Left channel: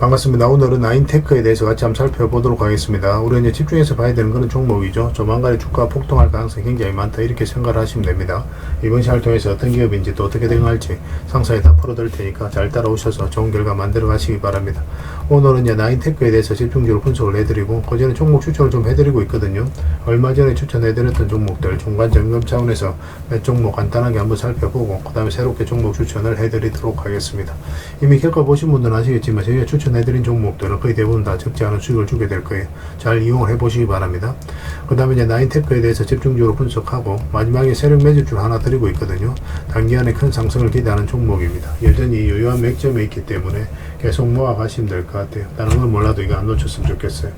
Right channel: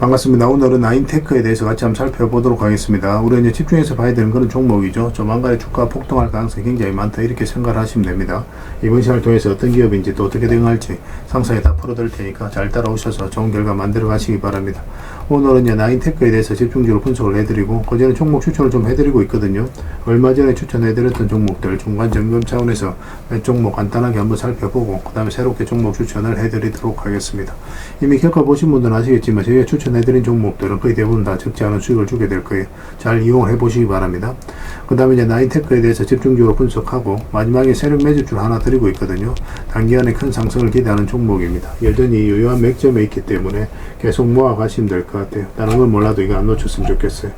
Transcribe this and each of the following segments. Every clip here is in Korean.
반갑습니다. 오늘은 나인테크에 대해서 같이 한번 살펴보도록 하겠습니다. 우리 이제 집중해서 봐야 되는 그런 종목이죠. 조만간에 주가 폭등할 가능성이 굉장히 많다, 이렇게 생각을 하시면 됩니다. 이번 시간을 통해서 어떤 기업인지 또 어떻게 대응할지 상세히 다 풀어드릴 테니까 잘 따라오셔서 좋은 결과 만들어 가시기 바랍니다. 오늘은 이제 나인테크에 대해서 집중적으로 분석을 해드리고, 그전에 종목 추천을 좀 해드리고 있거든요. 얼마 전에 추천해드렸던 종목들 중간 점검 차원에서 몇 종목 간단하게 한번 살펴보고, 그 다음에 새롭게 종목 추천을 해드리도록 하겠습니다. 이미 겪어보신 분들은 아시겠지만 저희가 추천해드린 종목들은 거의 대부분 다 적지 않은 수익을 주게 될 거예요. 잘 이용을 해보시기 바랍니다. 그 다음에 이제 나인테크에 대해서 집중적으로 분석하고, 마지막에 세력 매집줄 하나 드리고 있거든요. 단기간에 큰 상승을 기대하는 종목입니다. 여전히 유효한 맥점에 있기 때문에 계속 모아가시면 될 것 같아요. 다른 건 몰라도 이거 안 놓쳤으면 좋겠어요.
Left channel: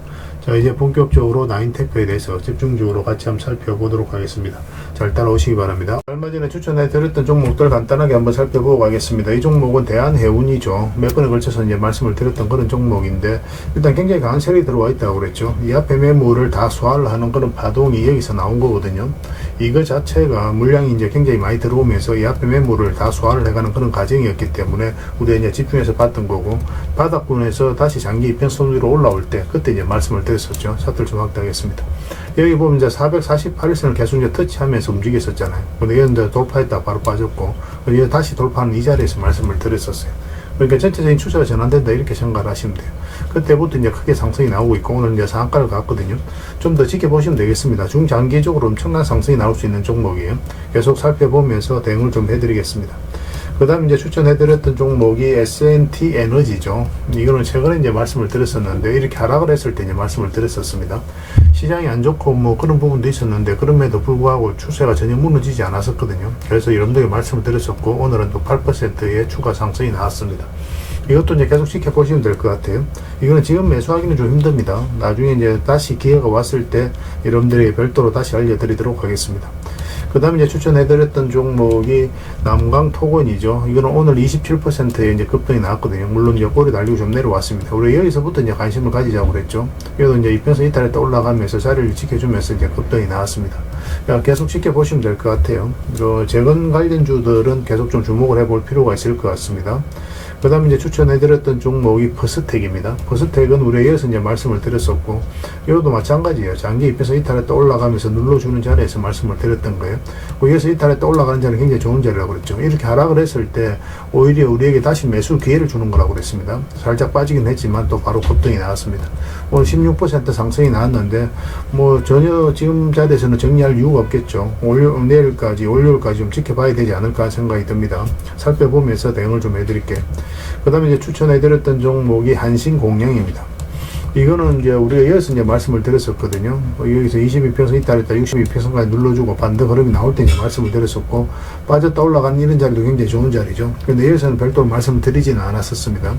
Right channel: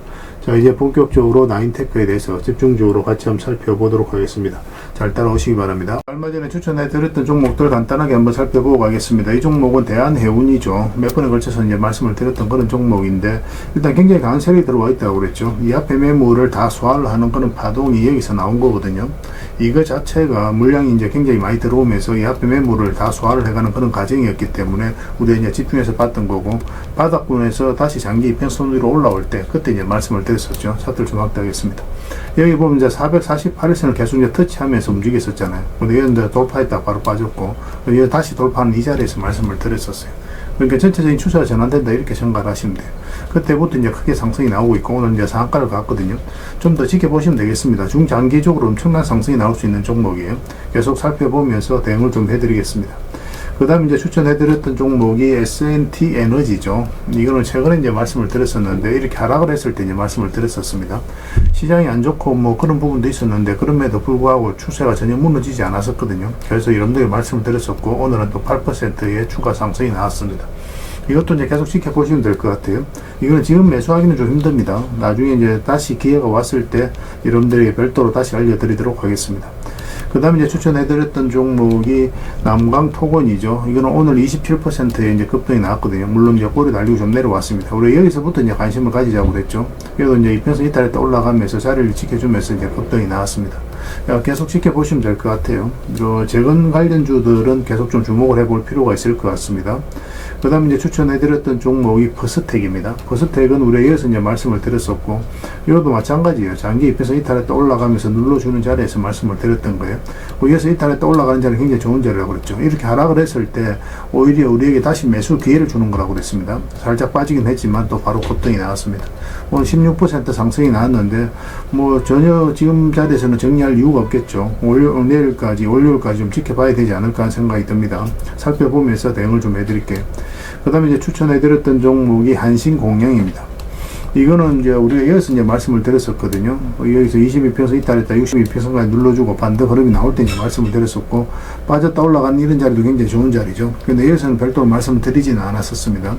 자, 이제 본격적으로 나인테크에 대해서 집중적으로 같이 한번 살펴보도록 하겠습니다. 잘 따라오시기 바랍니다. 얼마 전에 추천해드렸던 종목들 간단하게 한번 살펴보고 가겠습니다. 이 종목은 대한해운이죠. 몇 번에 걸쳐서 이제 말씀을 드렸던 그런 종목인데, 일단 굉장히 강한 세력이 들어와 있다고 그랬죠. 이 앞에 매물을 다 소화를 하는 그런 파동이 여기서 나온 거거든요. 이거 자체가 물량이 이제 굉장히 많이 들어오면서 이 앞에 매물을 다 소화를 해가는 그런 과정이었기 때문에 우리가 이제 집중해서 봤던 거고, 바닥권에서 다시 장기 이평선 위로 올라올 때 그때 이제 말씀을 드렸었죠. 차트를 좀 확대하겠습니다. 여기 보면 이제 448일선을 계속 이제 터치하면서 움직였었잖아요. 근데 이건 이제 돌파했다 바로 빠졌고, 이거 다시 돌파하는 이 자리에서 말씀을 드렸었어요. 그러니까 전체적인 추세가 전환된다, 이렇게 생각을 하시면 돼요. 그때부터 이제 크게 상승이 나오고 있고, 오늘 이제 상한가를 갔거든요. 좀 더 지켜보시면 되겠습니다. 중장기적으로 엄청난 상승이 나올 수 있는 종목이에요. 계속 살펴보면서 대응을 좀 해드리겠습니다. 그 다음에 이제 추천해드렸던 종목이 S&T 에너지죠. 이거는 최근에 이제 말씀을 드렸었는데, 이렇게 하락을 했을 때 이제 말씀을 드렸었습니다. 시장이 안 좋고 뭐 그런 부분도 있었는데, 그럼에도 불구하고 추세가 전혀 무너지지 않았었거든요. 그래서 여러분들에게 말씀을 드렸었고, 오늘은 또 8%의 추가 상승이 나왔습니다. 이것도 이제 계속 지켜보시면 될 것 같아요. 이거는 지금 매수하기는 좀 힘듭니다. 나중에 이제 다시 기회가 왔을 때 여러분들에게 별도로 다시 알려드리도록 하겠습니다. 그 다음에 이제 추천해드렸던 종목이 남광토건이죠. 이거는 오늘 27%의 이제 급등이 나왔거든요. 물론 이제 꼬리 날리고 좀 내려왔습니다. 우리 여기서부터 이제 관심을 가지자고 그랬죠. 그래도 이제 이평선 이탈했다 올라가면서 자리를 지켜주면서 이제 급등이 나왔습니다. 계속 지켜보시면 될 것 같아요. 재건 관련주들은 계속 좀 주목을 해볼 필요가 있을 것 같습니다. 그 다음에 이제 추천해드렸던 종목이 퍼스텍입니다. 퍼스텍은 우리가 여기서 이제 말씀을 드렸었고, 이것도 마찬가지예요. 장기 이평선 이탈했다 올라가면서 눌러주는 자리에서 말씀을 드렸던 거예요. 여기서 이탈했다 올라가는 자리는 굉장히 좋은 자리라고 그랬죠. 이렇게 하락을 했을 때 오히려 우리에게 다시 매수 기회를 주는 거라고 그랬습니다. 살짝 빠지긴 했지만 또 바로 급등이 나왔습니다. 오늘 16% 상승이 나왔는데, 뭐 전혀 지금 자리에서는 정리할 이유가 없겠죠. 내일까지 월요일까지 좀 지켜봐야 되지 않을까 하는 생각이 듭니다. 살펴보면서 대응을 좀 해드릴게요. 그 다음에 이제 추천해드렸던 종목이 한신공영입니다. 이거는 이제 우리가 여기서 이제 말씀을 드렸었거든요. 여기서 22평선 이탈했다 62평선까지 눌러주고 반대 흐름이 나올 때 이제 말씀을 드렸었고, 빠졌다 올라간 이런 자리도 굉장히 좋은 자리죠. 근데 여기서는 별도로 말씀을 드리지는 않았었습니다.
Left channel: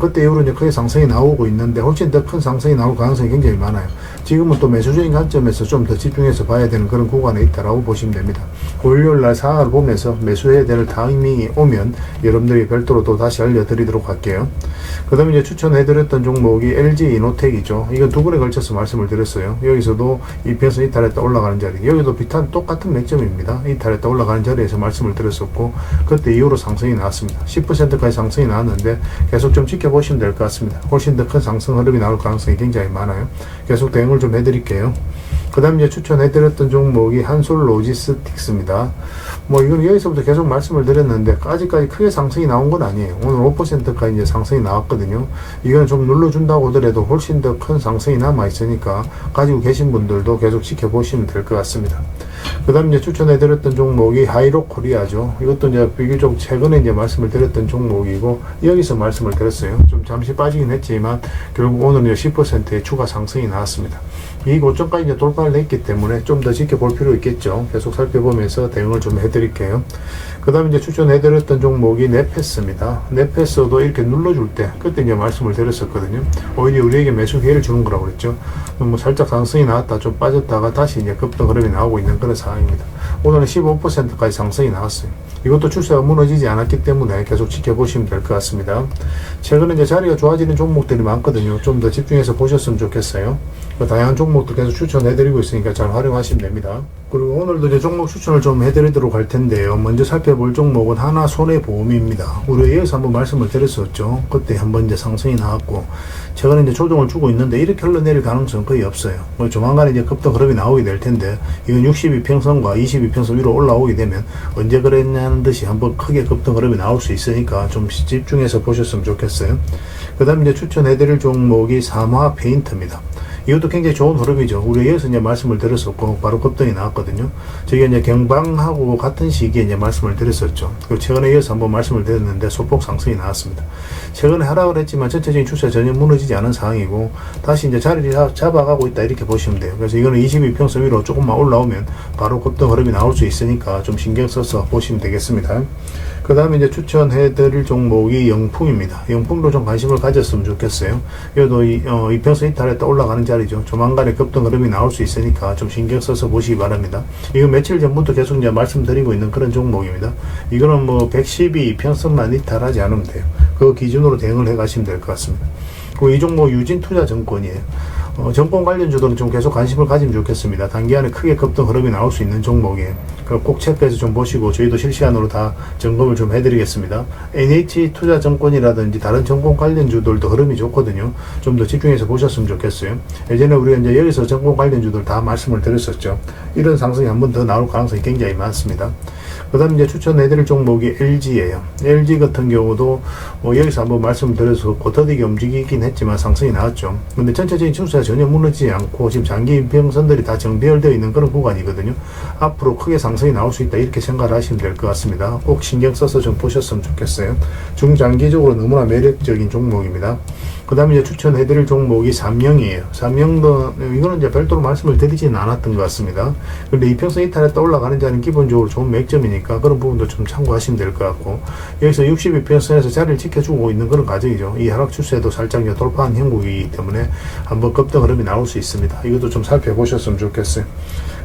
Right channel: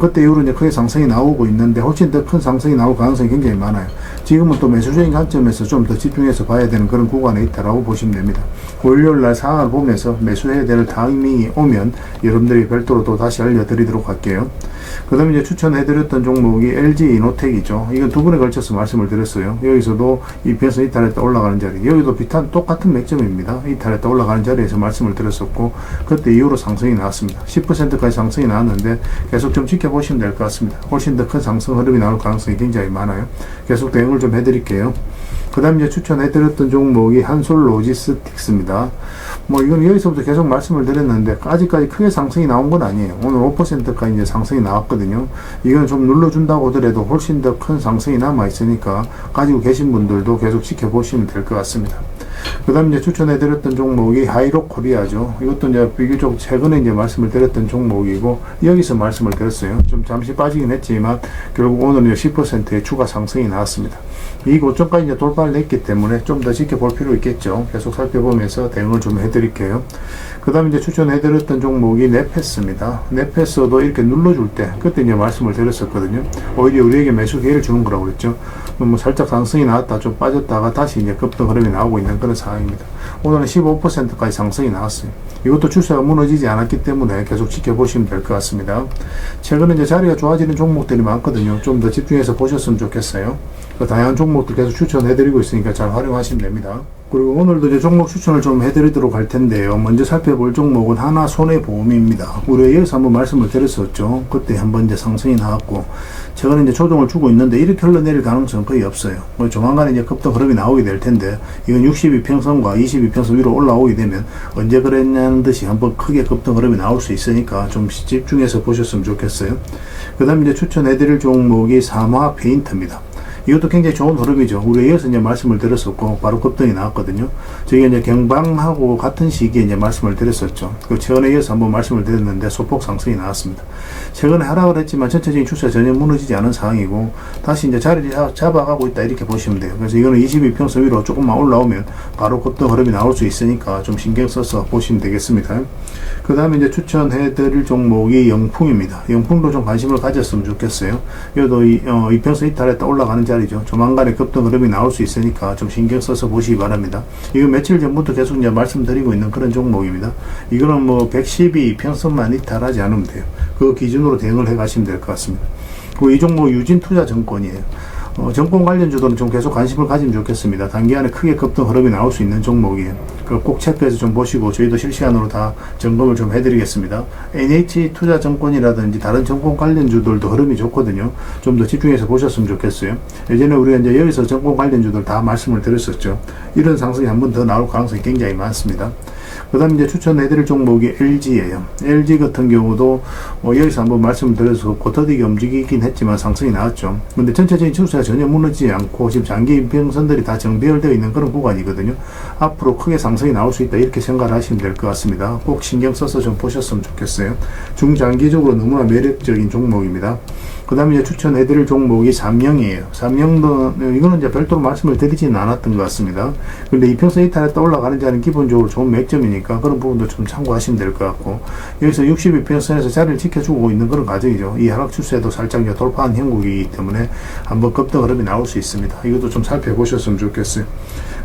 그때 이후로 이제 크게 상승이 나오고 있는데, 훨씬 더 큰 상승이 나올 가능성이 굉장히 많아요. 지금은 또 매수적인 관점에서 좀 더 집중해서 봐야 되는 그런 구간에 있다라고 보시면 됩니다. 월요일날 상황을 보면서 매수해야 될 타이밍이 오면 여러분들이 별도로 또 다시 알려드리도록 할게요. 그 다음에 이제 추천해드렸던 종목이 LG 이노텍이죠. 이건 두 번에 걸쳐서 말씀을 드렸어요. 여기서도 이평선 이탈했다 올라가는 자리, 여기도 비슷한 똑같은 맥점입니다. 이탈했다 올라가는 자리에서 말씀을 드렸었고, 그때 이후로 상승이 나왔습니다. 10%까지 상승이 나왔는데 계속 좀 지켜보시면 될 것 같습니다. 훨씬 더 큰 상승 흐름이 나올 가능성이 굉장히 많아요. 계속 대응을 좀 해드릴게요. 그 다음에 이제 추천해드렸던 종목이 한솔로지스틱스입니다. 뭐 이건 여기서부터 계속 말씀을 드렸는데, 아직까지 크게 상승이 나온 건 아니에요. 오늘 5%까지 이제 상승이 나왔거든요. 이건 좀 눌러준다고 하더라도 훨씬 더 큰 상승이 남아있으니까 가지고 계신 분들도 계속 지켜보시면 될 것 같습니다. 그 다음에 이제 추천해드렸던 종목이 하이로코리아죠. 이것도 이제 비교적 최근에 이제 말씀을 드렸던 종목이고, 여기서 말씀을 드렸어요. 좀 잠시 빠지긴 했지만 결국 오늘은 10%의 추가 상승이 나왔습니다. 이 고점까지 이제 돌파를 했기 때문에 좀 더 지켜볼 필요 있겠죠. 계속 살펴보면서 대응을 좀 해드릴게요. 그 다음에 이제 추천해드렸던 종목이 네페스입니다. 네페스도 이렇게 눌러줄 때 그때 이제 말씀을 드렸었거든요. 오히려 우리에게 매수 기회를 주는 거라고 그랬죠. 뭐 살짝 상승이 나왔다 좀 빠졌다가 다시 이제 급등 흐름이 나오고 있는 그런 상황입니다. 오늘은 15%까지 상승이 나왔어요. 이것도 추세가 무너지지 않았기 때문에 계속 지켜보시면 될 것 같습니다. 최근에 이제 자리가 좋아지는 종목들이 많거든요. 좀 더 집중해서 보셨으면 좋겠어요. 다양한 종목들 계속 추천해드리고 있으니까 잘 활용하시면 됩니다. 그리고 오늘도 이제 종목 추천을 좀 해드리도록 할 텐데요. 먼저 살펴볼 종목은 하나손해보험입니다. 우리가 여기서 한번 말씀을 드렸었죠. 그때 한번 이제 상승이 나왔고, 최근에 이제 조정을 주고 있는데 이렇게 흘러내릴 가능성은 거의 없어요. 조만간에 이제 급등 흐름이 나오게 될 텐데, 이건 62평선과 22평선 위로 올라오게 되면 언제 그랬냐는 듯이 한번 크게 급등 흐름이 나올 수 있으니까 좀 집중해서 보셨으면 좋겠어요. 그 다음 이제 추천해드릴 종목이 삼화 페인트입니다. 이것도 굉장히 좋은 흐름이죠. 우리 여기서 이제 말씀을 드렸었고, 바로 급등이 나왔거든요. 저희가 이제 경방하고 같은 시기에 이제 말씀을 드렸었죠. 그 최근에 이어서 한번 말씀을 드렸는데, 소폭 상승이 나왔습니다. 최근에 하락을 했지만 전체적인 추세가 전혀 무너지지 않은 상황이고, 다시 이제 자리를 잡아가고 있다, 이렇게 보시면 돼요. 그래서 이거는 22평선 위로 조금만 올라오면 바로 급등 흐름이 나올 수 있으니까 좀 신경 써서 보시면 되겠습니다. 그 다음에 이제 추천해드릴 종목이 영풍입니다. 영풍도 좀 관심을 가졌으면 좋겠어요. 이것도 이평선 이탈했다 올라가는 자리죠. 조만간에 급등 흐름이 나올 수 있으니까 좀 신경 써서 보시기 바랍니다. 이거 며칠 전부터 계속 이제 말씀드리고 있는 그런 종목입니다. 이거는 뭐 112평선만 이탈하지 않으면 돼요. 그 기준으로 대응을 해 가시면 될 것 같습니다. 그리고 이 종목 유진투자증권이에요. 정권 관련주들은 좀 계속 관심을 가지면 좋겠습니다. 단기간에 크게 급등 흐름이 나올 수 있는 종목이에요. 꼭 체크해서 좀 보시고 저희도 실시간으로 다 점검을 좀 해드리겠습니다. NH투자증권이라든지 다른 정권 관련주들도 흐름이 좋거든요. 좀 더 집중해서 보셨으면 좋겠어요. 예전에 우리가 이제 여기서 정권 관련주들 다 말씀을 드렸었죠. 이런 상승이 한 번 더 나올 가능성이 굉장히 많습니다. 그 다음 이제 추천해드릴 종목이 LG예요. LG 같은 경우도 여기서 한번 말씀드려서 고터디게 움직이긴 했지만 상승이 나왔죠. 근데 전체적인 추세가 전혀 무너지지 않고 지금 장기 인평선들이 다 정배열되어 있는 그런 구간이거든요. 앞으로 크게 상승이 나올 수 있다, 이렇게 생각을 하시면 될 것 같습니다. 꼭 신경 써서 좀 보셨으면 좋겠어요. 중장기적으로 너무나 매력적인 종목입니다. 그 다음에 이제 추천해드릴 종목이 삼영이에요. 삼영도, 이거는 이제 별도로 말씀을 드리지는 않았던 것 같습니다. 근데 이평선 이탈했다 올라가는 자리는 기본적으로 좋은 맥점이니까 그런 부분도 좀 참고하시면 될 것 같고, 여기서 62평선에서 자리를 지켜주고 있는 그런 과정이죠. 이 하락 추세도 살짝 돌파한 형국이기 때문에 한번 급등 흐름이 나올 수 있습니다. 이것도 좀 살펴보셨으면 좋겠어요.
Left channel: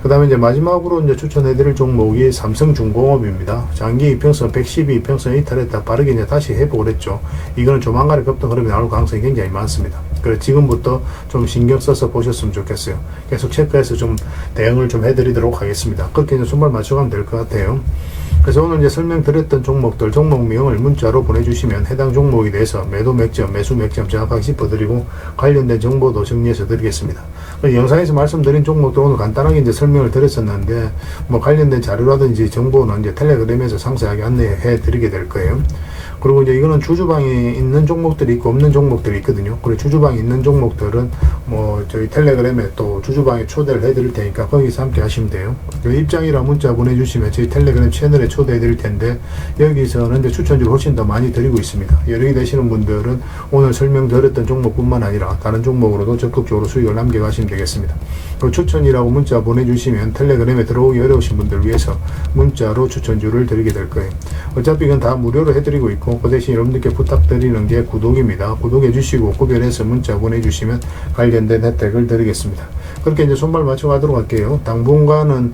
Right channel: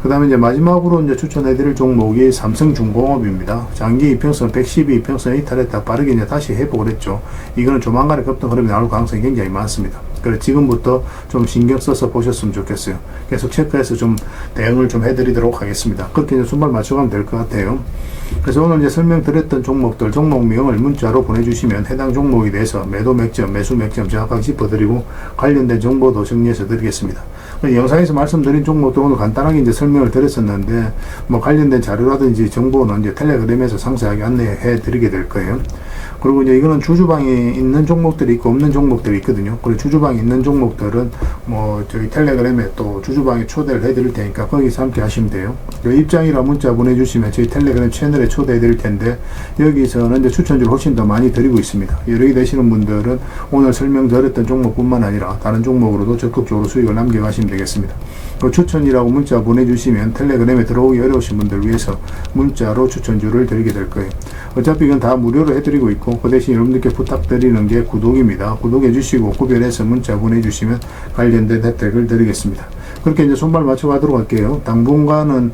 그 다음에 이제 마지막으로 이제 추천해드릴 종목이 삼성중공업입니다. 장기 이평선 112평선 이탈했다 빠르게 이제 다시 회복을 했죠. 이거는 조만간에 급등 흐름이 나올 가능성이 굉장히 많습니다. 그래서 지금부터 좀 신경 써서 보셨으면 좋겠어요. 계속 체크해서 좀 대응을 좀 해드리도록 하겠습니다. 그렇게 이제 손발 맞춰가면 될 것 같아요. 그래서 오늘 이제 설명드렸던 종목들, 종목명을 문자로 보내주시면 해당 종목에 대해서 매도 맥점, 매수 맥점 정확하게 짚어드리고 관련된 정보도 정리해서 드리겠습니다. 영상에서 말씀드린 종목도 오늘 간단하게 이제 설명을 드렸었는데, 뭐 관련된 자료라든지 정보는 이제 텔레그램에서 상세하게 안내해 드리게 될 거예요. 그리고 이제 이거는 주주방에 있는 종목들이 있고 없는 종목들이 있거든요. 그리고 주주방에 있는 종목들은 뭐 저희 텔레그램에 또 주주방에 초대를 해드릴 테니까 거기서 함께 하시면 돼요. 입장이라 문자 보내주시면 저희 텔레그램 채널에 초대해 드릴 텐데, 여기서는 이제 추천주를 훨씬 더 많이 드리고 있습니다. 여러 개 되시는 분들은 오늘 설명드렸던 종목뿐만 아니라 다른 종목으로도 적극적으로 수익을 남겨가시면 되겠습니다. 그리고 추천이라고 문자 보내주시면 텔레그램에 들어오기 어려우신 분들 위해서 문자로 추천주를 드리게 될 거예요. 어차피 이건 다 무료로 해드리고 있고, 그 대신 여러분들께 부탁드리는 게 구독입니다. 구독해 주시고 구별해서 문자 보내주시면 관련된 혜택을 드리겠습니다. 그렇게 이제 손발 맞춰 가도록 할게요. 당분간은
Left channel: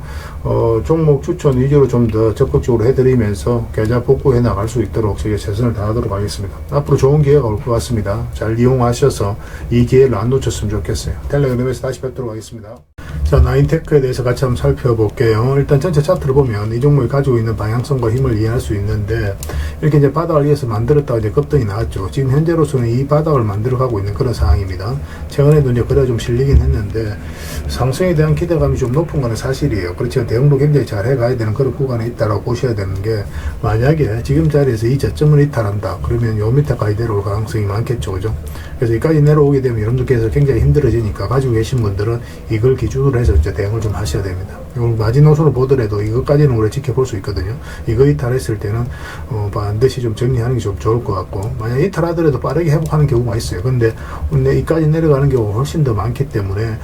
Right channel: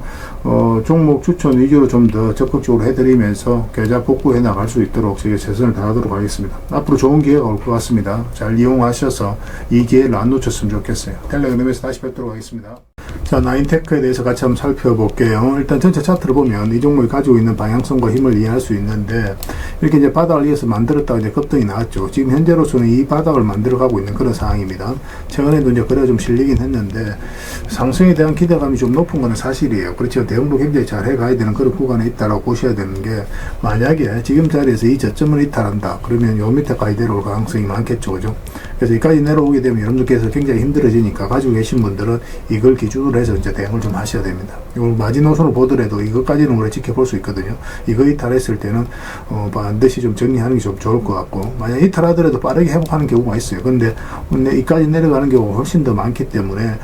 종목 추천 위주로 좀 더 적극적으로 해드리면서 계좌 복구해 나갈 수 있도록 저희가 최선을 다하도록 하겠습니다. 앞으로 좋은 기회가 올 것 같습니다. 잘 이용하셔서 이 기회를 안 놓쳤으면 좋겠어요. 텔레그램에서 다시 뵙도록 하겠습니다. 자, 나인테크에 대해서 같이 한번 살펴볼게요. 일단 전체 차트를 보면 이 종목이 가지고 있는 방향성과 힘을 이해할 수 있는데, 이렇게 이제 바닥을 위해서 만들었다가 이제 급등이 나왔죠. 지금 현재로서는 이 바닥을 만들어가고 있는 그런 상황입니다. 최근에도 이제 그래 좀 실리긴 했는데, 상승에 대한 기대감이 좀 높은 건 사실이에요. 그렇죠. 대응도 굉장히 잘 해가야 되는 그런 구간에 있다라고 보셔야 되는 게, 만약에 지금 자리에서 이 저점을 이탈한다 그러면 요 밑에까지 내려올 가능성이 많겠죠. 그죠? 그래서 여기까지 내려오게 되면 여러분들께서 굉장히 힘들어지니까 가지고 계신 분들은 이걸 기준으로 해서 이제 대응을 좀 하셔야 됩니다. 이걸 마지노선을 보더라도 이것까지는 오래 지켜볼 수 있거든요. 이거 이탈했을 때는 반드시 좀 정리하는 게 좀 좋을 것 같고, 만약 이탈하더라도 빠르게 회복하는 경우가 있어요. 근데 이까지 내려가는 경우가 훨씬 더 많기 때문에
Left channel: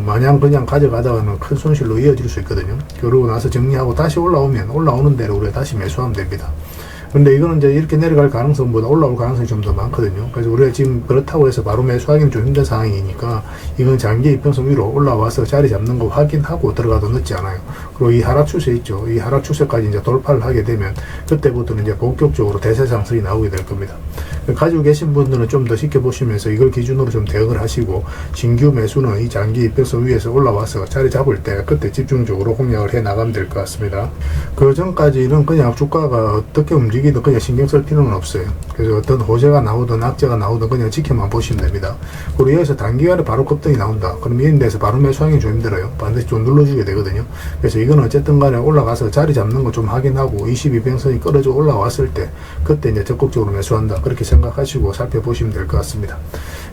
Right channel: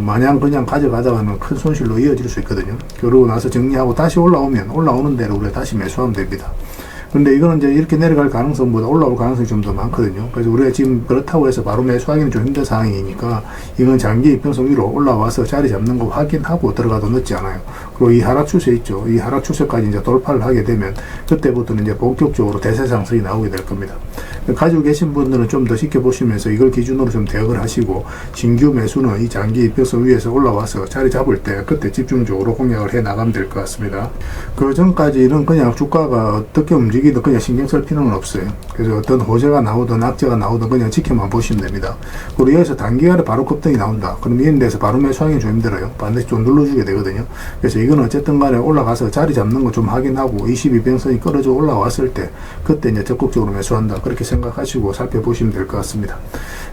마냥 그냥 가져가다가는 큰 손실로 이어질 수 있거든요. 그러고 나서 정리하고 다시 올라오면 올라오는 대로 우리가 다시 매수하면 됩니다. 근데 이거는 이제 이렇게 내려갈 가능성보다 올라올 가능성이 좀 더 많거든요. 그래서 우리가 지금 그렇다고 해서 바로 매수하기는 좀 힘든 상황이니까 이건 장기 이평선 위로 올라와서 자리 잡는 거 확인하고 들어가도 늦지 않아요. 그리고 이 하락 추세 있죠. 이 하락 추세까지 이제 돌파를 하게 되면 그때부터는 이제 본격적으로 대세 상승이 나오게 될 겁니다. 가지고 계신 분들은 좀 더 지켜보시면서 이걸 기준으로 좀 대응을 하시고, 신규 매수는 이 장기 이평선 위에서 올라와서 자리 잡을 때 그때 집중적으로 공략을 해 나가면 될 것 같습니다. 그 전까지는 그냥 주가가 어떻게 움직이든 그냥 신경 쓸 필요는 없어요. 그래서 어떤 호재가 나오든 악재가 나오든 그냥 지켜만 보시면 됩니다. 그리고 여기서 단기간에 바로 급등이 나온다. 그럼 이런 데서 바로 매수하기 좀 힘들어요. 반드시 좀 눌러주게 되거든요. 그래서 이건 어쨌든 간에 올라가서 자리 잡는 거 좀 확인하고 22평선이 끌어져 올라왔을 때 그때 이제 적극적으로 매수한다. 그렇게 생각하시고 살펴보시면 될 것 같습니다.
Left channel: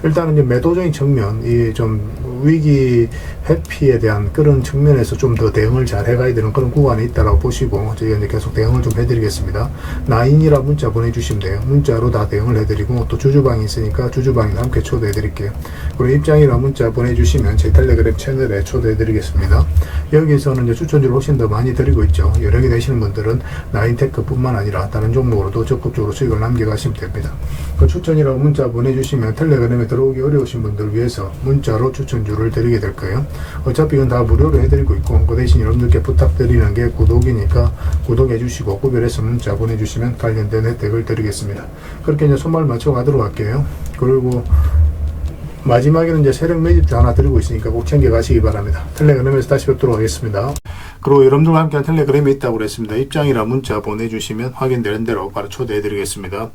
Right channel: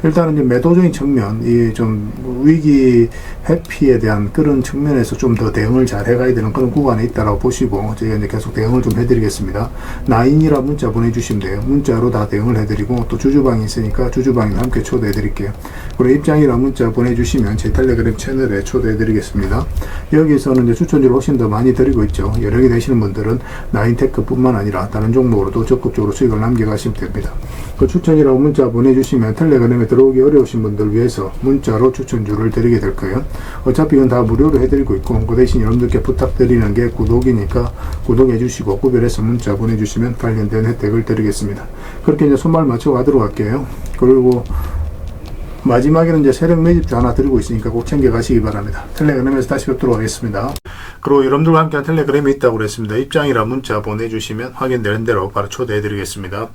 일단은 이제 매도적인 측면, 이 좀 위기 회피에 대한 그런 측면에서 좀 더 대응을 잘 해가야 되는 그런 구간에 있다라고 보시고 저희가 이제 계속 대응을 좀 해드리겠습니다. 나인이라 문자 보내주시면 돼요. 문자로 다 대응을 해드리고 또 주주방이 있으니까 주주방에 함께 초대해드릴게요. 그리고 입장이라 문자 보내주시면 제 텔레그램 채널에 초대해드리겠습니다. 여기서는 이제 추천주를 훨씬 더 많이 드리고 있죠. 여력이 되시는 분들은 나인테크뿐만 아니라 다른 종목으로도 적극적으로 수익을 남겨가시면 됩니다. 그 추천이라고 문자 보내주시면 텔레그램에 들어오기 어려우신 분들을 위해서 문자로 추천주를 드리게 될 거예요. 어차피 이건 다 무료로 해드리고 있고, 그 대신 여러분들께 부탁드리는 게 구독이니까 구독해주시고 구별해서 문자 보내주시면 관련된 혜택을 드리겠습니다. 그렇게 이제 손발 맞춰 가도록 할게요. 그리고 마지막에는 이제 세력 매집도 하나 드리고 있으니까 꼭 챙겨 가시기 바랍니다. 텔레그램에서 다시 뵙도록 하겠습니다. 그리고 여러분들과 함께한 텔레그램에 있다고 그랬습니다. 입장이라 문자 보내주시면 확인되는 대로 바로 초대해 드리겠습니다.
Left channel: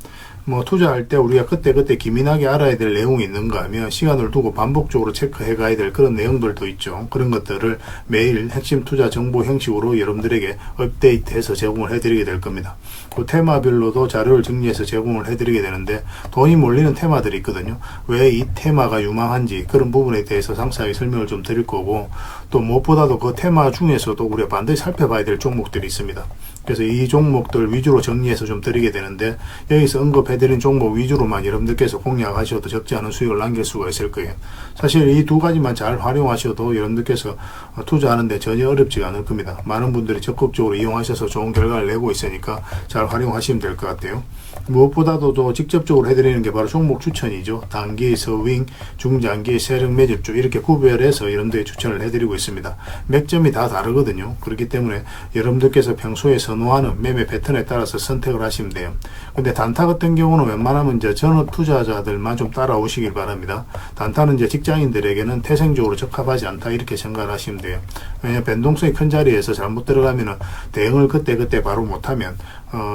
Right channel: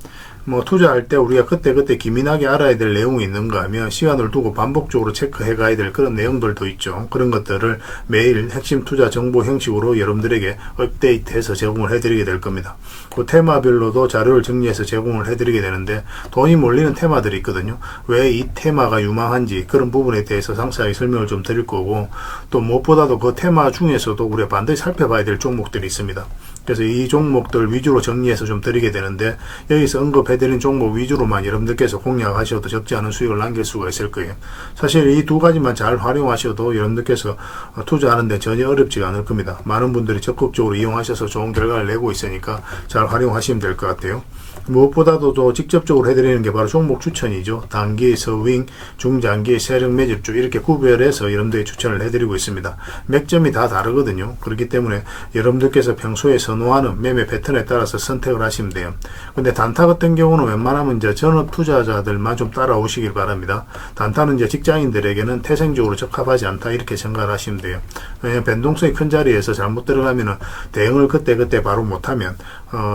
뭐 투자할 때 우리가 그때 기민하게 알아야 될 내용이 있는가 하면 시간을 두고 반복적으로 체크해 가야 될 그런 내용들도 있죠. 그런 것들을 매일 핵심 투자 정보 형식으로 여러분들에게 업데이트해서 제공을 해드리게 될 겁니다. 그 테마별로도 자료를 정리해서 제공을 해드리게 되는데 돈이 몰리는 테마들이 있거든요. 왜 이 테마가 유망한지 그런 부분에 대해서 상세하게 설명을 좀 드릴 거고, 또 무엇보다도 그 테마 중에서도 우리가 반드시 살펴봐야 될 종목들이 있습니다. 그래서 이 종목들 위주로 정리해서 좀 드리게 되는데, 여기서 언급해드린 종목 위주로만 여러분들께서 공략하셔도 적지 않은 수익을 남길 수가 있을 거예요. 사실 이 두 가지만 잘 활용하셔도 여러분들께서 투자하는데 전혀 어렵지가 않을 겁니다. 많은 분들이 적극적으로 이용하셔서 좋은 결과를 내고 있으니까 잘 활용하시면 될 것 같아요. 무엇보다도 또 직접적으로 해드리는 게 바로 종목 추천이죠. 단기, 서윙, 중장기, 세력 매집주 이렇게 구별해서 여러분들이 추천을 해드리고 있습니다. 맥점이 다 다르거든요. 그렇기 때문에 여러분들께서 평소에 선호하는 매매 패턴에 따라서 선택을 하시면 돼요. 근데 단타 같은 경우는 웬만하면 이제 전업 투자자들만 좀 따라오시길 바랍니다. 단타는 이제 직장인들에게는 태생적으로 적합하지 않다 이렇게 생각을 하시면 돼요. 왜냐하면 변동성이 큰 자리에서 잘못 들어가면은 대응을 그때 바로 못하면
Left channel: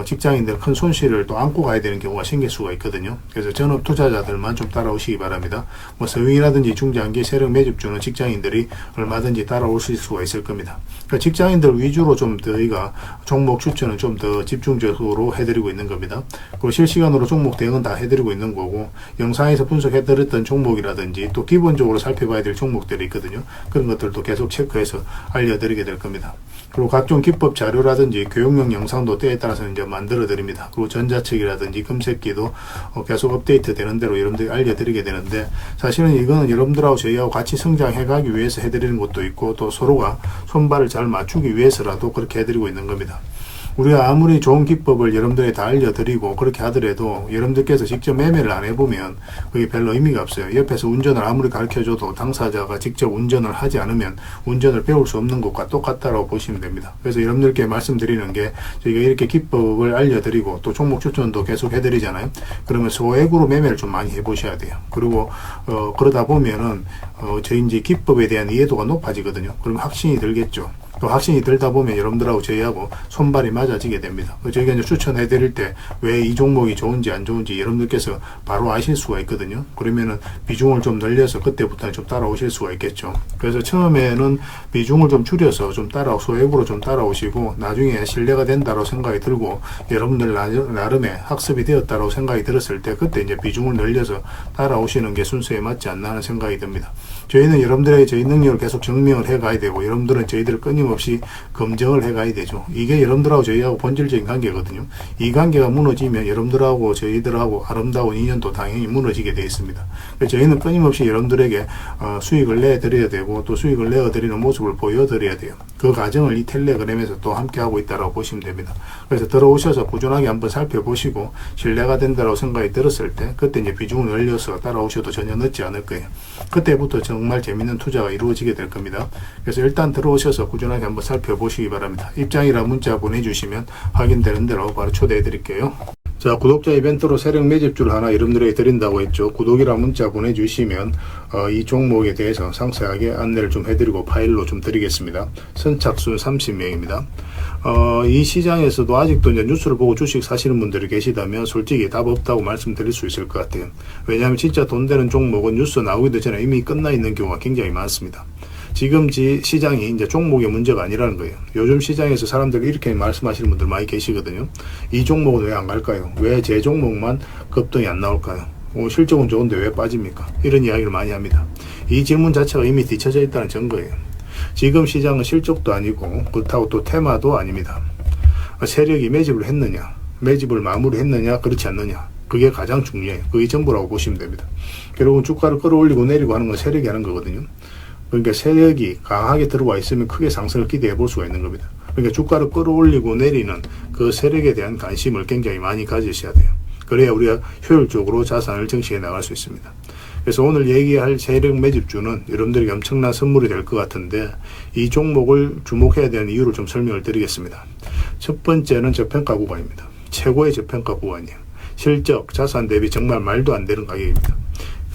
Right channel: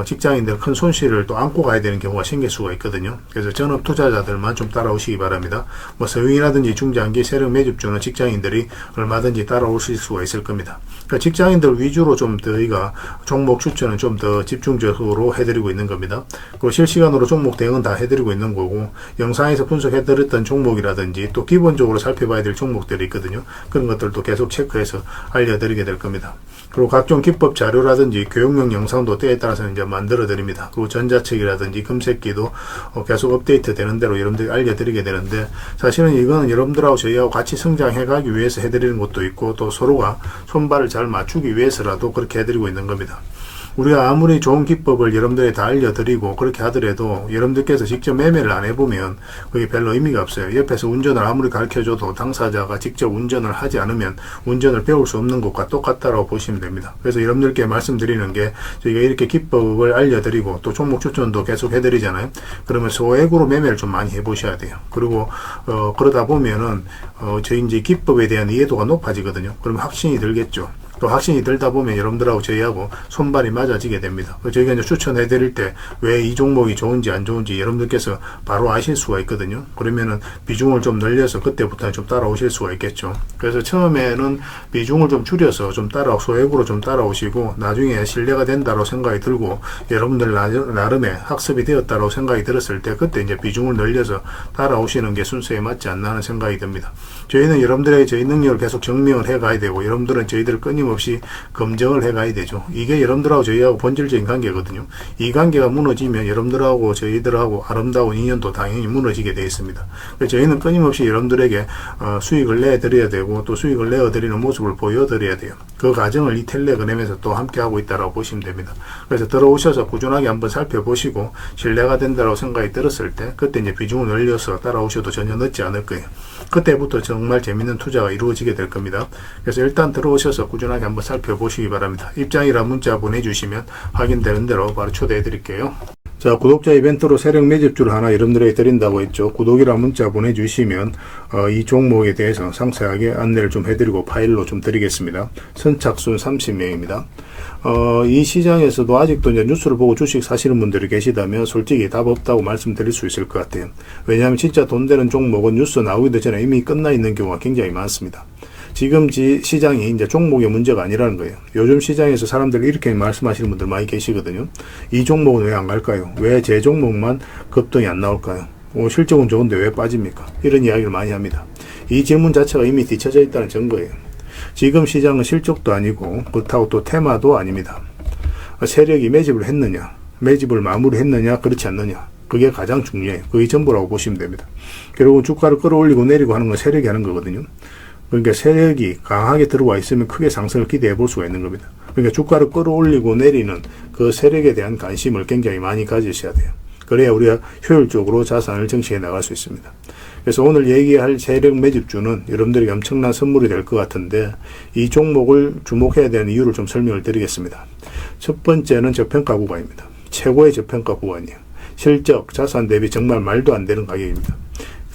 직장인들 큰 손실을 또 안고 가야 되는 경우가 생길 수가 있거든요. 그래서 전업 투자자들만 좀 따라오시기 바랍니다. 뭐 서윙이라든지 중장기 세력 매집주는 직장인들이 얼마든지 따라오실 수가 있을 겁니다. 그러니까 직장인들 위주로 좀 저희가 종목 추천은 좀 더 집중적으로 해드리고 있는 겁니다. 그리고 실시간으로 종목 대응은 다 해드리고 있는 거고, 영상에서 분석해드렸던 종목이라든지 또 기본적으로 살펴봐야 될 종목들이 있거든요. 그런 것들도 계속 체크해서 알려드리게 될 겁니다. 그리고 각종 기법 자료라든지 교육용 영상도 때에 따라서는 이제 만들어 드립니다. 그리고 전자책이라든지 금색기도 계속 업데이트 되는 대로 여러분들이 알려드리게 되는데, 사실은 이거는 여러분들하고 저희하고 같이 성장해 가기 위해서 해드리는 것도 있고, 또 서로가 손발을 잘 맞추기 위해서라도 그렇게 해드리고 있는 겁니다. 우리가 아무리 좋은 기법을 여러분들이 다 알려드리고 그렇게 하더라도 여러분들께서 직접 매매를 안 해보면 그게 별로 의미가 없어요. 옆에서 운전을 아무리 가르쳐줘도 당사자가 직접 운전을 하지 않으면 운전을 배울 수 없는 것과 똑같다고 보시면 됩니다. 그래서 여러분들께 말씀드리는 게, 저희가 이렇게 기법을 알려드리고 또 종목 추천도 계속 해드리잖아요. 그러면 소액으로 매매를 좀 많이 해보셔야 돼요. 그리고 그러다 보면은 저희 이제 기법에 대한 이해도가 높아지거든요. 그러면 확신이 들겠죠. 또 확신이 들다 보면 여러분들하고 저희하고 손발이 맞아지게 됩니다. 저희가 이제 추천해 드릴 때 왜 이 종목이 좋은지 안 좋은지 여러분들께서 바로 아실 수가 있거든요. 그러면은 비중을 좀 늘려서 그때부터는 좀 따라오실 수가 있겠죠. 그래서 처음에는 비중을 좀 줄여서 좀 소액으로 좀 따라오시고, 나중에 신뢰가 된다고 생각이 들고 여러분들 나름의 학습이 되었다고 생각이 들었을 때 그때 이제 비중을 늘려서 따라오시는 게 순서에 맞지 않나 하는 생각이 듭니다. 저희는 여러분들에게 저희 능력을 계속 증명을 해 가야 되고, 여러분들은 저희들을 끊임없이 끊임없이 검증을 해가야 되죠. 이게 여러분들하고 저희하고 본질적인 관계거든요. 이 관계가 무너지면 여러분들하고 저희들하고 아름다운 인연도 당연히 무너지게 되어 있습니다. 그래서 저희는 끊임없이 여러분들에게 수익을 내드려야 되고 또 수익을 내어드리는 모습을 보여드려야 돼요. 그 과정을 이 텔레그램에서 또 함께하고 있다고 보시면 됩니다. 그래서 들어오셔서 꾸준하게 한번 살펴보시고 신뢰가 된다고 생각이 들었을 때 그때 이제 비중을 늘려서 따라오셔도 전혀 늦지 않을 거예요. 그때부터 정말 재밌는 투자가 이루어지게 될 겁니다. 그래서 일단 들어오셔서 꾸준하게 한번 살펴보시기 바랍니다. 입장이라 문자 보내주시면 확인되는 대로 바로 초대해 드릴게요. 자, 구독자 이벤트로 세력 매집주를 하나 여러분들에게 드린다고 했죠. 구독이라 문자 보내주시면 이 종목에 대해서 상세하게 안내를 좀 해드리고 파일로 좀 드리겠습니다. 선착순 30명입니다. 이 시장에서도 아직도 이제 뉴스를 보고 주식 사시는 분들이 계시다면 솔직히 답 없다고 말씀드릴 수 있을 것 같아요. 왜냐하면 진짜 돈 되는 종목은 뉴스 나오기도 전에 이미 끝나 있는 경우가 굉장히 많습니다. 지금 시장이 이제 종목의 문제가 아니라는 거예요. 요즘 시장에서 사람들이 이렇게 말씀하시는 분들 많이 계시거든요. 이 종목은 왜 안 갈까요? 왜 제 종목만 급등이 안 나올까요? 실적은 좋은데 왜 빠집니까? 이런 이야기를 많이 합니다. 이 질문 자체가 이미 뒤쳐져 있다는 증거예요. 지금 시장은 실적도 아니고 그렇다고 또 테마도 아닙니다. 세력이 매집을 했느냐, 매집을 마무리했느냐, 그렇지 않느냐, 그게 가장 중요해요. 그게 전부라고 보시면 됩니다. 결국은 주가를 끌어올리고 내리고 하는 건 세력이 하는 거거든요. 그러니까 세력이 강하게 들어와 있으면 크게 상승을 기대해 볼 수가 있는 겁니다. 그러니까 주가를 끌어올리고 내리는 그 세력에 대한 관심을 굉장히 많이 가지셔야 돼요. 그래야 우리가 효율적으로 자산을 정치해 나갈 수 있습니다. 그래서 오늘 얘기할 세력 매집주는 여러분들에게 엄청난 선물이 될 것 같은데 이 종목을 주목해야 되는 이유를 좀 설명을 드리겠습니다. 첫 번째는 저평가 구간입니다. 최고의 저평가 구간이에요. 실적, 자산 대비 정말 말도 안 되는 가격입니다.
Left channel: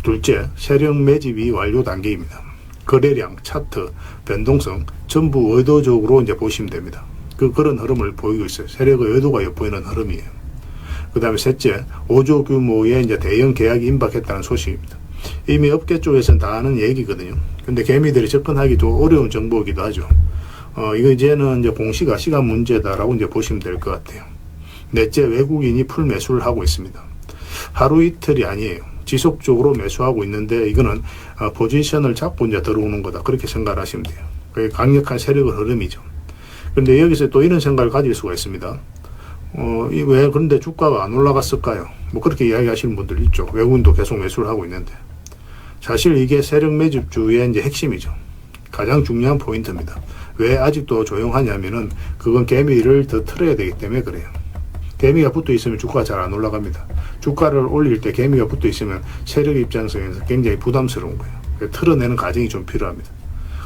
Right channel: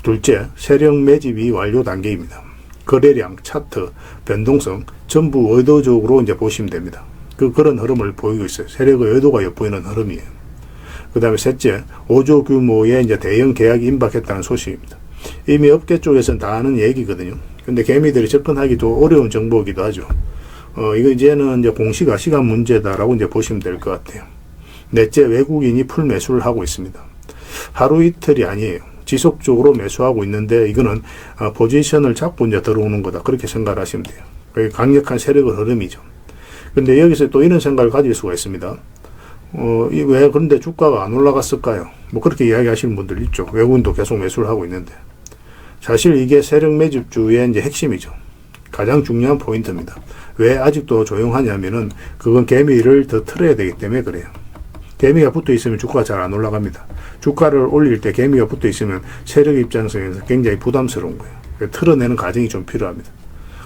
둘째, 세력 매집이 완료 단계입니다. 거래량, 차트, 변동성 전부 의도적으로 이제 보시면 됩니다. 그런 흐름을 보이고 있어요. 세력의 의도가 엿보이는 흐름이에요. 그 다음에 셋째, 5조 규모의 이제 대형 계약이 임박했다는 소식입니다. 이미 업계 쪽에서는 다 아는 얘기거든요. 근데 개미들이 접근하기 좀 어려운 정보이기도 하죠. 이거 이제는 이제 공시가 시간 문제다라고 이제 보시면 될 것 같아요. 넷째, 외국인이 풀 매수를 하고 있습니다. 하루 이틀이 아니에요. 지속적으로 매수하고 있는데 이거는 포지션을 잡고 이제 들어오는 거다. 그렇게 생각을 하시면 돼요. 그게 강력한 세력의 흐름이죠. 그런데 여기서 또 이런 생각을 가질 수가 있습니다. 왜 그런데 주가가 안 올라갔을까요? 뭐 그렇게 이야기하시는 분들 있죠. 외국인도 계속 매수를 하고 있는데. 사실 이게 세력 매집주의 이제 핵심이죠. 가장 중요한 포인트입니다. 왜 아직도 조용하냐면은 그건 개미를 더 틀어야 되기 때문에 그래요. 개미가 붙어 있으면 주가가 잘 안 올라갑니다. 주가를 올릴 때 개미가 붙어 있으면 세력 입장에서 굉장히 부담스러운 거예요. 틀어내는 과정이 좀 필요합니다.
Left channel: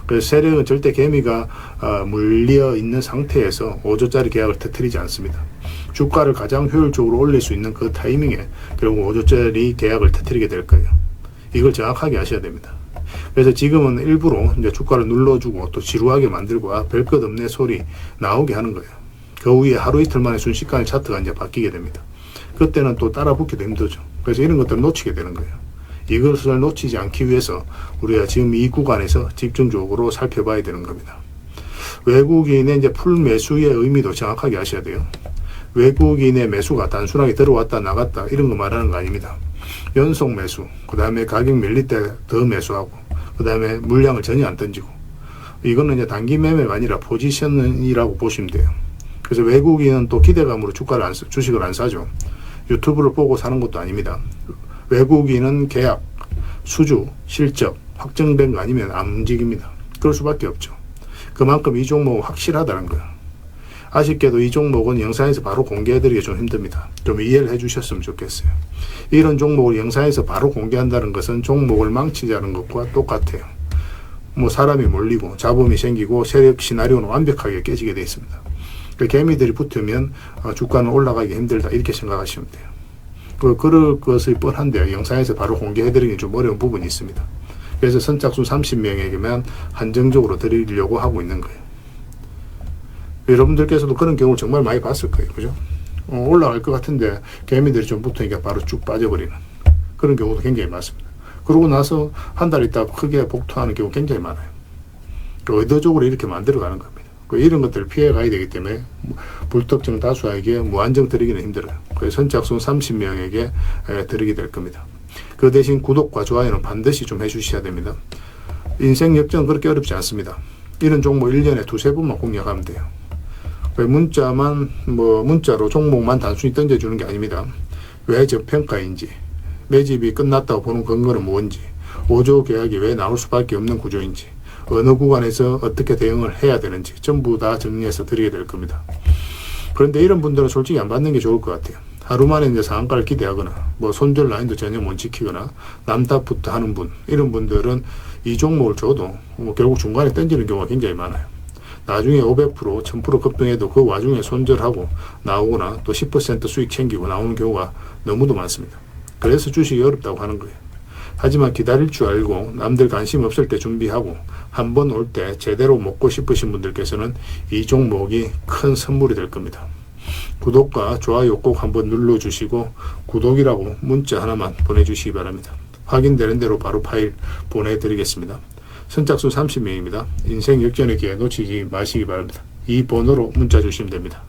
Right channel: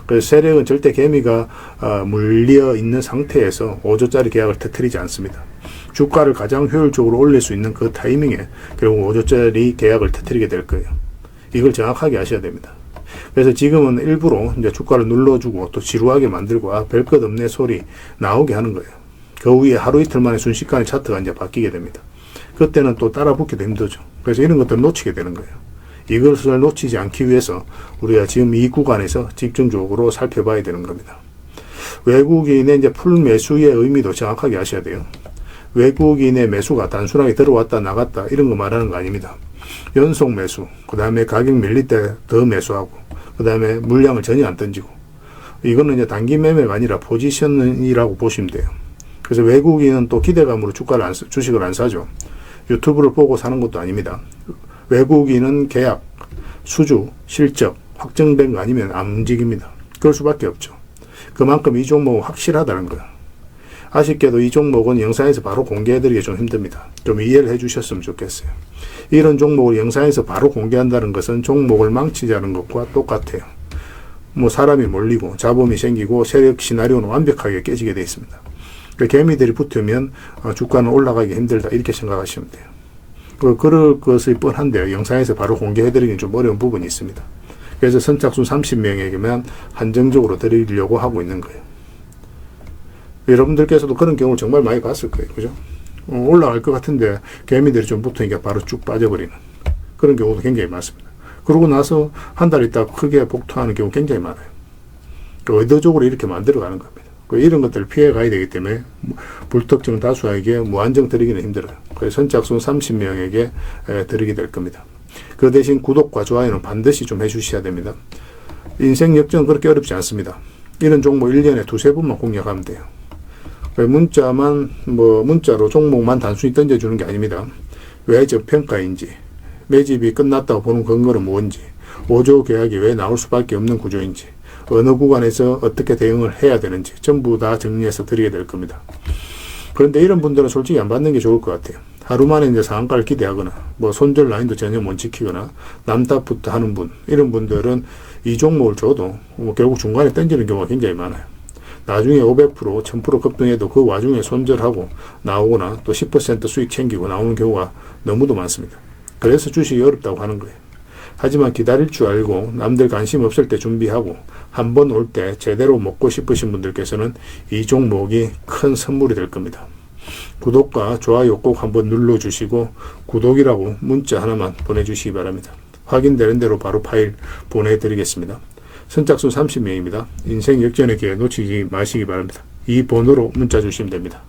그래서 세력은 절대 개미가 물려 있는 상태에서 5조짜리 계약을 터뜨리지 않습니다. 주가를 가장 효율적으로 올릴 수 있는 그 타이밍에 결국 5조짜리 계약을 터뜨리게 될 거예요. 이걸 정확하게 아셔야 됩니다. 그래서 지금은 일부러 이제 주가를 눌러주고 또 지루하게 만들고 별 것 없네 소리 나오게 하는 거예요. 그 후에 하루 이틀 만에 순식간에 차트가 이제 바뀌게 됩니다. 그때는 또 따라 붙기도 힘들죠. 그래서 이런 것들을 놓치게 되는 거예요. 이것을 놓치지 않기 위해서 우리가 지금 이 구간에서 집중적으로 살펴봐야 되는 겁니다. 외국인의 이제 풀 매수의 의미도 정확하게 아셔야 돼요. 외국인의 매수가 단순하게 들어왔다 나갔다 이런 거 말하는 거 아닙니다. 연속 매수, 그 다음에 가격 밀릴 때 더 매수하고, 그 다음에 물량을 전혀 안 던지고, 이거는 이제 단기 매매가 아니라 포지션이라고 보시면 돼요. 그래서 외국인은 또 기대감으로 주식을 안 사죠. 유튜브를 보고 사는 것도 아닙니다. 외국인은 계약, 수주, 실적 확정된 거 아니면 안 움직입니다. 그럴 수밖에 없죠. 그만큼 이 종목은 확실하다는 거예요. 아쉽게도 이 종목은 영상에서 바로 공개해드리기 좀 힘듭니다. 좀 이해를 해주셨으면 좋겠어요. 이런 종목을 영상에서 바로 공개한다는 것은 종목을 망치자는 것과 똑같아요. 뭐 사람이 몰리고 잡음이 생기고 세력 시나리오는 완벽하게 깨지게 되어 있습니다. 그러니까 개미들이 붙으면 주가는 올라가기 힘들다 이렇게 생각하시면 돼요. 그럴 것이 뻔한데요. 영상에서 바로 공개해드리기 좀 어려운 부분이 있습니다. 그래서 선착순 30명에게만 한정적으로 드리려고 하고 있는 거예요. 여러분들께서도 그런 경우를 정말 많이 봤을 거예요. 그죠? 올라갈 것 같은데 개미들이 좀 붙으니까 바로 쭉 빠져버리는 그런 경우도 굉장히 많습니다. 그러고 나서 한 달 있다가 크게 복투하는 경우 굉장히 많아요. 의도적으로 이렇게 만들어가는 겁니다. 이런 것들을 피해 가야 되기 때문에 불특정 다수에게 무한정 드리기는 힘들어요. 그래서 선착순 30명에게 드리게 될 겁니다. 그 대신 구독과 좋아요는 반드시 좀 해주셔야 됩니다. 인생 역전은 그렇게 어렵지 않습니다. 이런 종목 1년에 두세 번만 공략하면 돼요. 문자로 종목만 단순히 던져주는 게 아닙니다. 왜 저평가인지, 매집이 끝났다고 보는 근거는 뭔지, 5조 계약이 왜 나올 수밖에 없는 구조인지, 어느 구간에서 어떻게 대응을 해야 되는지 전부 다 정리해서 드리게 될 겁니다. 그런데 이런 분들은 솔직히 안 받는 게 좋을 것 같아요. 하루 만에 이제 상한가를 기대하거나 손절 라인도 전혀 못 지키거나 남탓부터 하는 분, 이런 분들은 이 종목을 줘도 결국 중간에 던지는 경우가 굉장히 많아요. 나중에 500%, 1000% 급등해도 그 와중에 손절하고 나오거나 또 10% 수익 챙기고 나오는 경우가 너무도 많습니다. 그래서 주식이 어렵다고 하는 거예요. 하지만 기다릴 줄 알고 남들 관심 없을 때 준비하고 한 번 올 때 제대로 먹고 싶으신 분들께서는 이 종목이 큰 선물이 될 겁니다. 구독과 좋아요 꼭 한번 눌러주시고 구독이라고 문자 하나만 보내주시기 바랍니다. 확인되는 대로 바로 파일 보내드리겠습니다. 선착순 30명입니다. 인생 역전의 기회 놓치지 마시기 바랍니다. 이 번호로 문자 주시면 됩니다.